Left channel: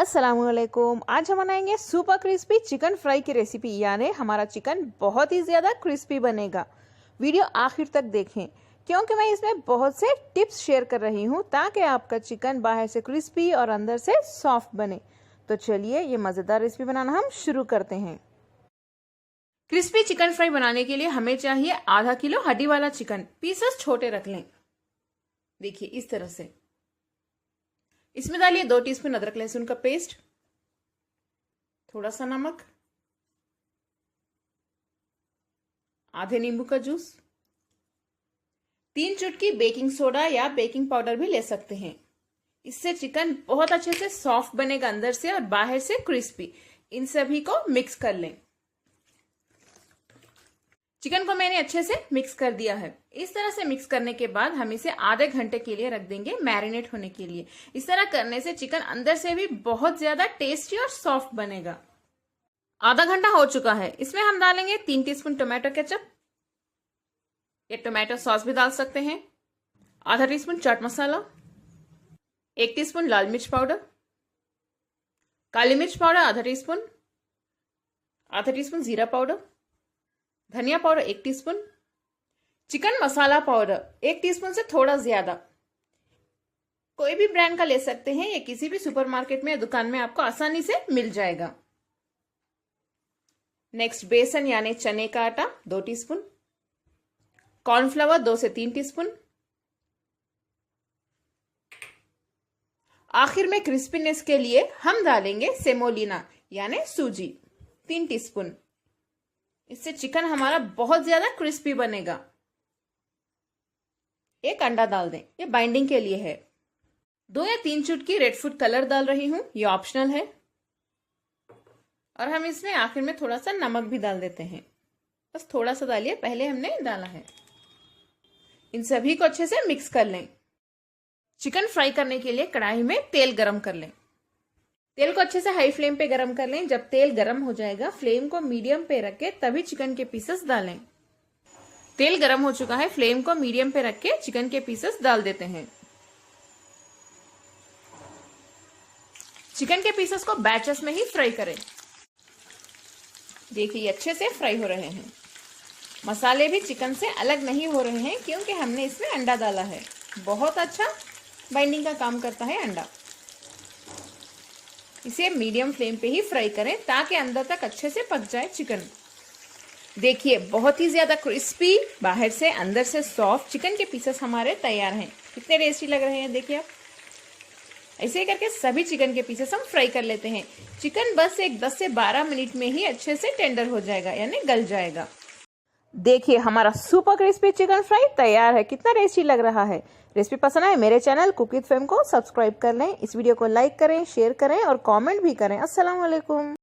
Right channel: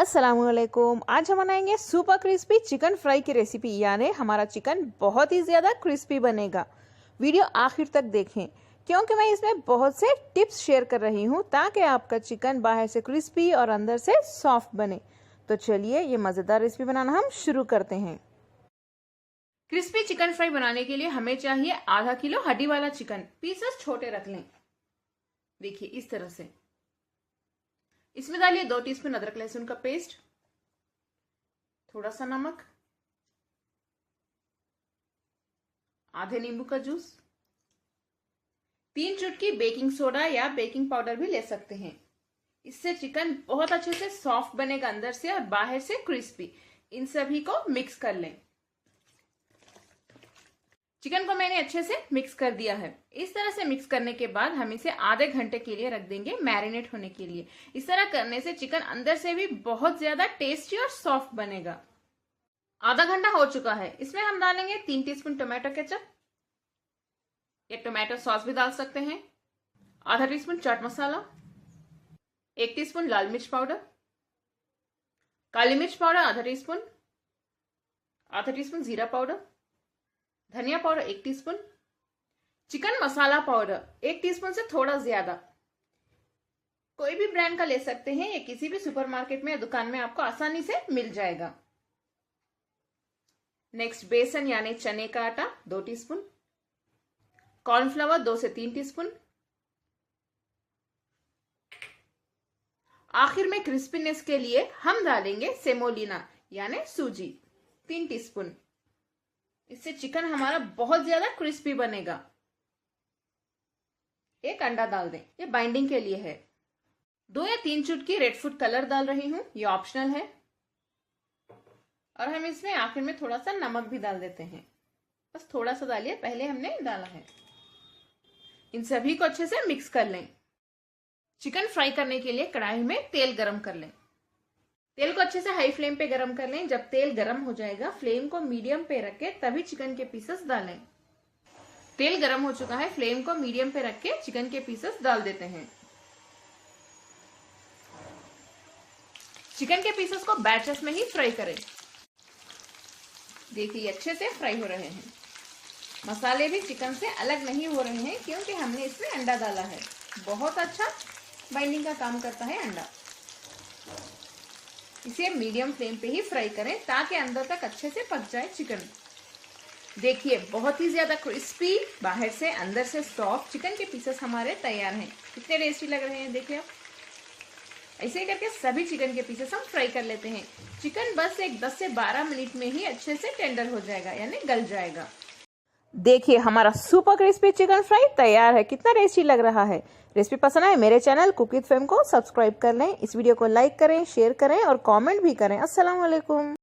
अस्सलामुअलैकुम। आज हम बनाएंगे सुपर क्रिस्पी चिकन फ्राई की रेसिपी, यानी हमारा चिकन बहुत ही ज़्यादा क्रिस्पी बनेगा। वीडियो आखिर तक देखें क्योंकि मैं इसमें बहुत से टिप्स शेयर कर रही हूँ ताकि आपका चिकन बाहर से क्रिस्पी और अंदर से सॉफ्ट बने। तो चलिए ये मज़ेदार रेसिपी बनाना हम शुरू करते हैं। क्रिस्पी चिकन फ्राई बनाने के लिए हमें चाहिए आधा किलो हड्डी वाला चिकन। पीसेस छोटे रख लें, देखिए इस तरह से। इसमें डालिए 2 टीस्पून अदरक लहसुन का पेस्ट, थोड़ा सा नमक, आधे नींबू का जूस, 3 चुटकी बेकिंग सोडा या बेकिंग पाउडर भी ले सकते हैं। इससे चिकन बहुत अच्छे से सॉफ्ट बनेगा अंदर से और बाहर से क्रिस्पी। इन सभी को मिक्स कर लें। चिकन को मैंने अच्छे से मिक्स कर दिया है। इस तरह से मिक्स करने के बाद हम इसे आधे घंटे के लिए रख देंगे मैरिनेट होने के लिए। इस तरह करने से चिकन अंदर से भी बहुत ज्यादा टेस्टी और सॉफ्ट बनेगा। आधा घंटा हो चुका है। इसमें हम डालेंगे 3 टीस्पून टोमेटो केचप, या टोमेटो सॉस भी डाल सकते हैं, आधा टीस्पून चाट मसाला, 1 टीस्पून लाल मिर्च पाउडर, काली मिर्च पाउडर आधा टीस्पून, आधा टीस्पून जीरा पाउडर, धनिया पाउडर 1 टीस्पून, चिकन मसाला पाउडर 1 टीस्पून से थोड़ा ज्यादा। कोई भी ब्रांड का ले सकते हैं, या किसी भी सुपरमार्केट में या दुकान में आपको आसानी से मिल जाएगा। नेक्स्ट बेसन यानी चने का आटा 2 टीस्पून, कॉर्नफ्लावर 2 से 3 टीस्पून। आखिर में क्रिस्पीनेस के लिए हम डालेंगे सेमोलिना यानी सूजी 3 टीस्पून। इससे चिकन हमारा बहुत ज्यादा क्रिस्पी बनेगा। 1 अंडा डाल दें, ये बाइंडिंग के लिए है। 2 या 3 चुटकी रेड फूड कलर डाल रही हूं, ये ऑप्शनल है। और हम इसमें आखिर में थोड़ा सा नमक भी डाल देते हैं, बस थोड़ा सा डालिए, पहले हमने डाला है। इन सभी को अच्छे से मिक्स कर लें। चिकन फ्राई करने के लिए कढ़ाई में तेल गरम कर लें। तेल को अच्छे से हाई फ्लेम पे गरम कर लें। जब तेल गरम हो जाएगा फ्लेम को मीडियम पे रख के तभी चिकन के पीसेस डालें। तेल गरम हो चुका है, फ्लेम को मीडियम पे रख के चिकन के पीसेस डाल देते हैं। चिकन के पीसेस को बैचेस में ही फ्राई करें। देखिए अच्छे से फ्राई हो रहे हैं। मसाले भी चिकन से अलग नहीं हो रहे हैं क्योंकि हमने इसमें अंडा डाला है। बहुत अच्छा बाइंडिंग का काम करता है अंडा। इसे मीडियम फ्लेम पे ही फ्राई करें ताकि अंदर तक अच्छे से पक जाए चिकन। देखिए बहुत ही ज्यादा क्रिस्पी, बाहर से अंदर से सॉफ्ट चिकन के पीसेस हमारे तैयार हैं। कितने टेस्टी लग रहे हैं, देखिए आप। ऐसे ही करके सभी चिकन के पीसेस हम फ्राई कर लेते हैं। चिकन बस एक 10 से 12 मिनट में ही अच्छे से टेंडर हो जाएगा, यानी गल जाएगा। देखिए हमारा सुपर क्रिस्पी चिकन फ्राई तैयार है। कितना टेस्टी लग रहा है। रेसिपी पसंद आए मेरे चैनल कुक विद फेम को सब्सक्राइब कर लें। इस वीडियो को लाइक करें, शेयर करें और कमेंट भी करें। अस्सलाम वालेकुम।